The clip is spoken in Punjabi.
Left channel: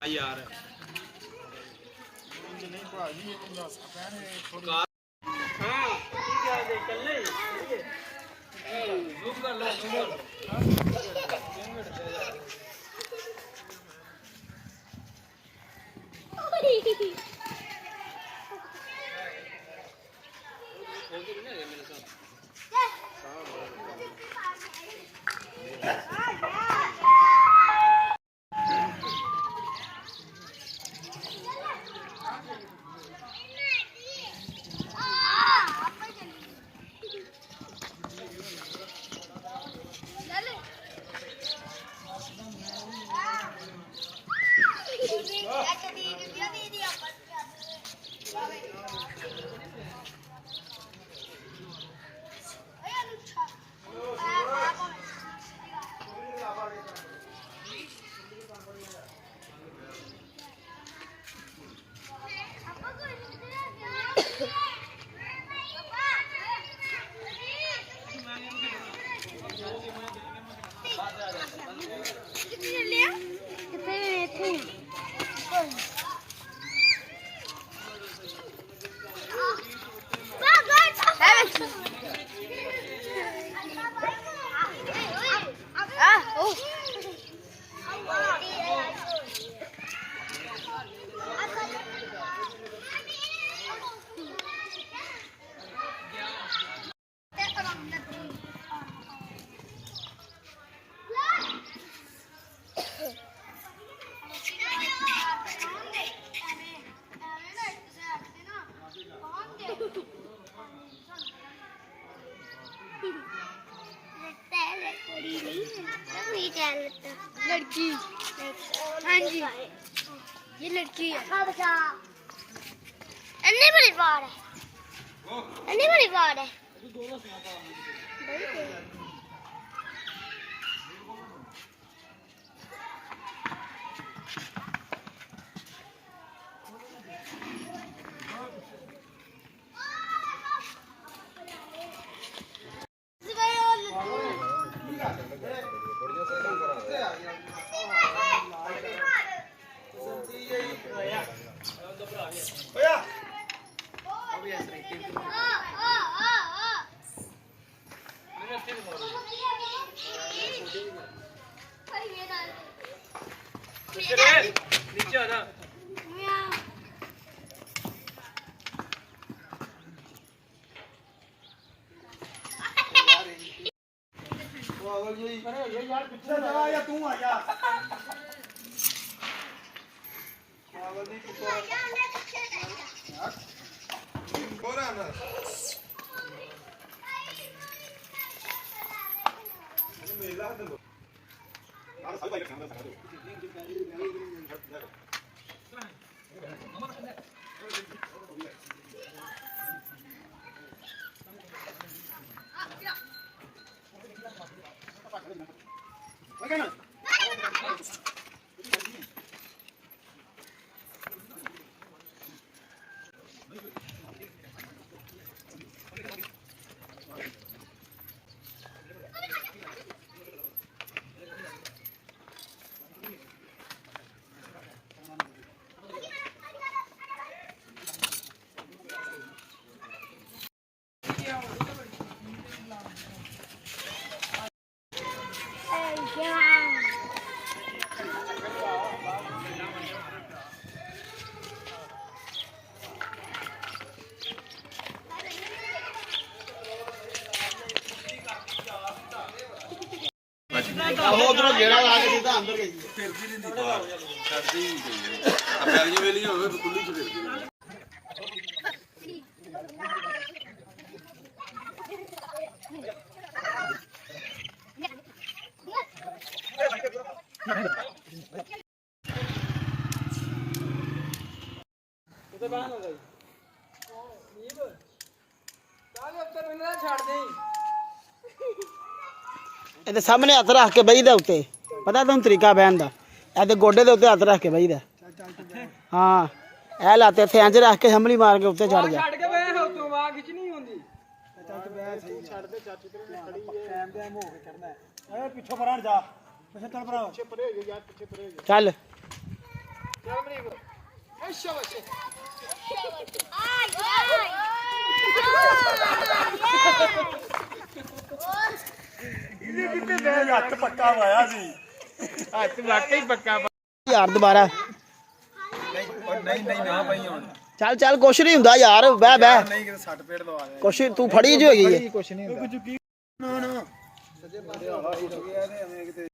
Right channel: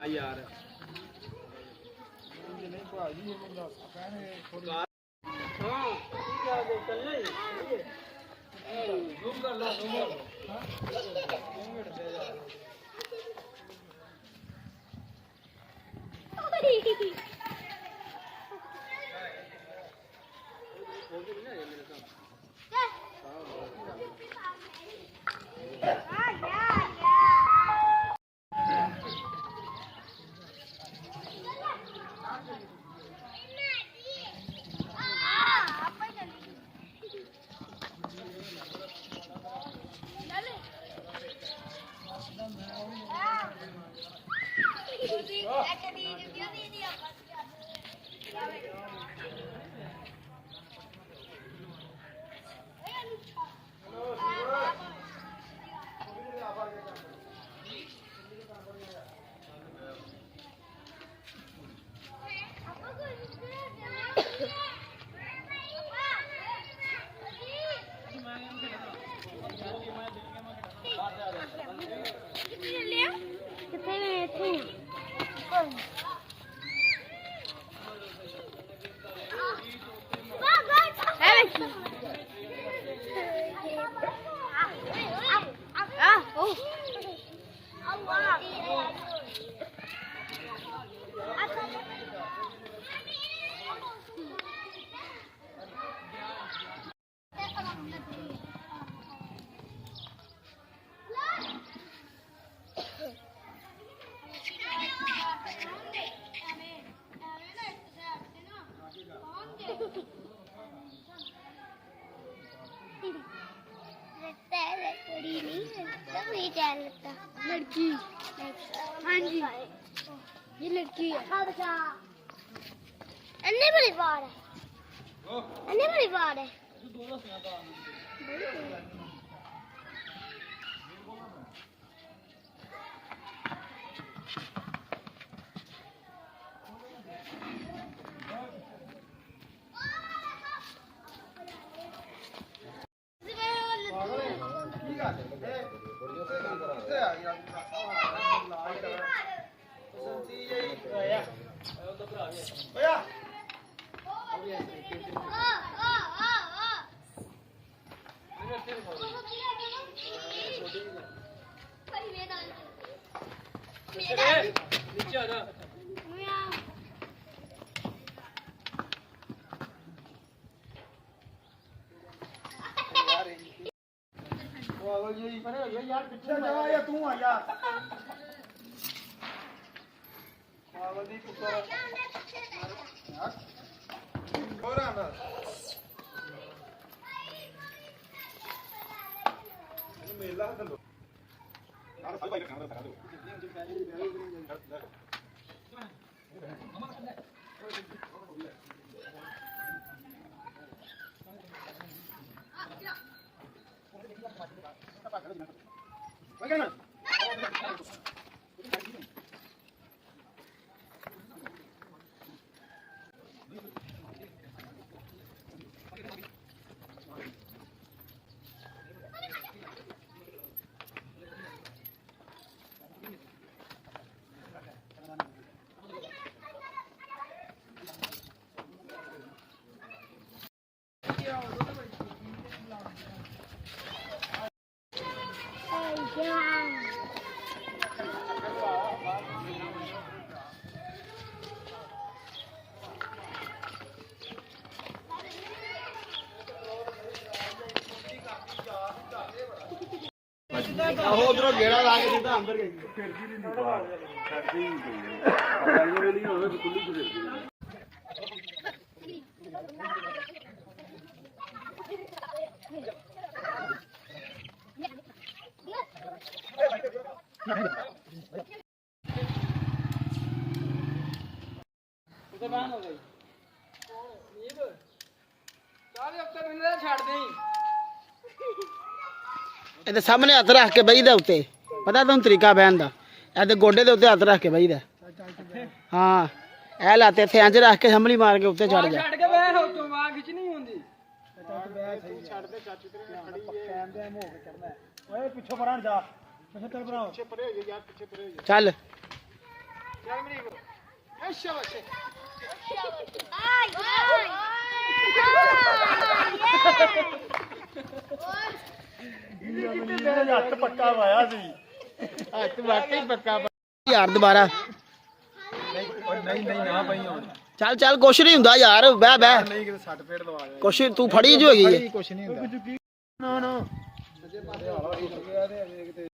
यार लड़की हाँ जी ये लड़की है अन्नी बड़ी बार है अन्नी बड़ी बार है नीचे आना यार पीछे जा या तू आ यार पागल दी कुत्ता यार कोरा ना मेला हट लो यार सब भाई कैमरा दिखा दो उधरों घेरा ला के सीधा अंदर गई फिर भी नहीं बाहर छड़ती ही गई अब बैगनी वेली होवे तो कुल्ली से फिर तो बाहर हो गई नीब सारे अब तक मैंने छाड़ दे ਇਹਦੇ ਸਾਹਮਣੇ ਹੱਥ ਰੱਖ ਕੇ ਬਈਦਾ ਉੱਤੇ ਪਤਾ ਤੁਹਾਨੂੰ ਤਰੀਕਾ ਬਹਿਣ ਦਾ ਇਹਦੇ ਗੋਡੇ ਦੇ ਉੱਤੇ ਹੱਥ ਰੱਖ ਕੇ ਬਈਦਾ ਹਾਂ ਇਹ ਲਾਤੇ ਇੱਥੇ ਇੰਜ ਰੱਖ ਕੇ ਸੰਭਲੀ ਮਾਰ ਕੇ ਉੱਤੇ ਚੜ ਜਾ ਛੱਡ ਕੇ ਬਹਿ ਹੋ ਤੂੰ ਵਾਹ ਖਿੱਚ ਨਹੀਂ ਹੁੰਦੀ ਓਏ ਪਿੱਛੋਂ ਪਰਾਂ ਜਾ ਪਿੱਛੇ ਚੱਲ ਪਰਾਂ ਚੱਲ ਹੱਥ ਪੱਕਾ ਵਾਇਆ ਸੀ ਹੱਥ ਵਾਕਈ ਪੱਕਾ ਯਾਰ ਦੁਬਾਰਾ ਨਹੀਂ ਨਾ ਪਈ ਹੁਣ ਚੱਲ ਚੱਲ ਕੁਛ ਨਹੀਂ ਹੁੰਦਾ ਯਾਰ ਬਹਿ ਬਹਿ ਨਹੀਂ ਕਿਤੇ ਸੱਟ ਪੇੜ ਲਵਾ ਦੇ ਕੁਛ ਤੂੰ ਫੜੀ ਜੋ ਹੈਗੀ ਹੈ ਕੁਛ ਨਹੀਂ ਹੁੰਦਾ ਨਾ ਨਾ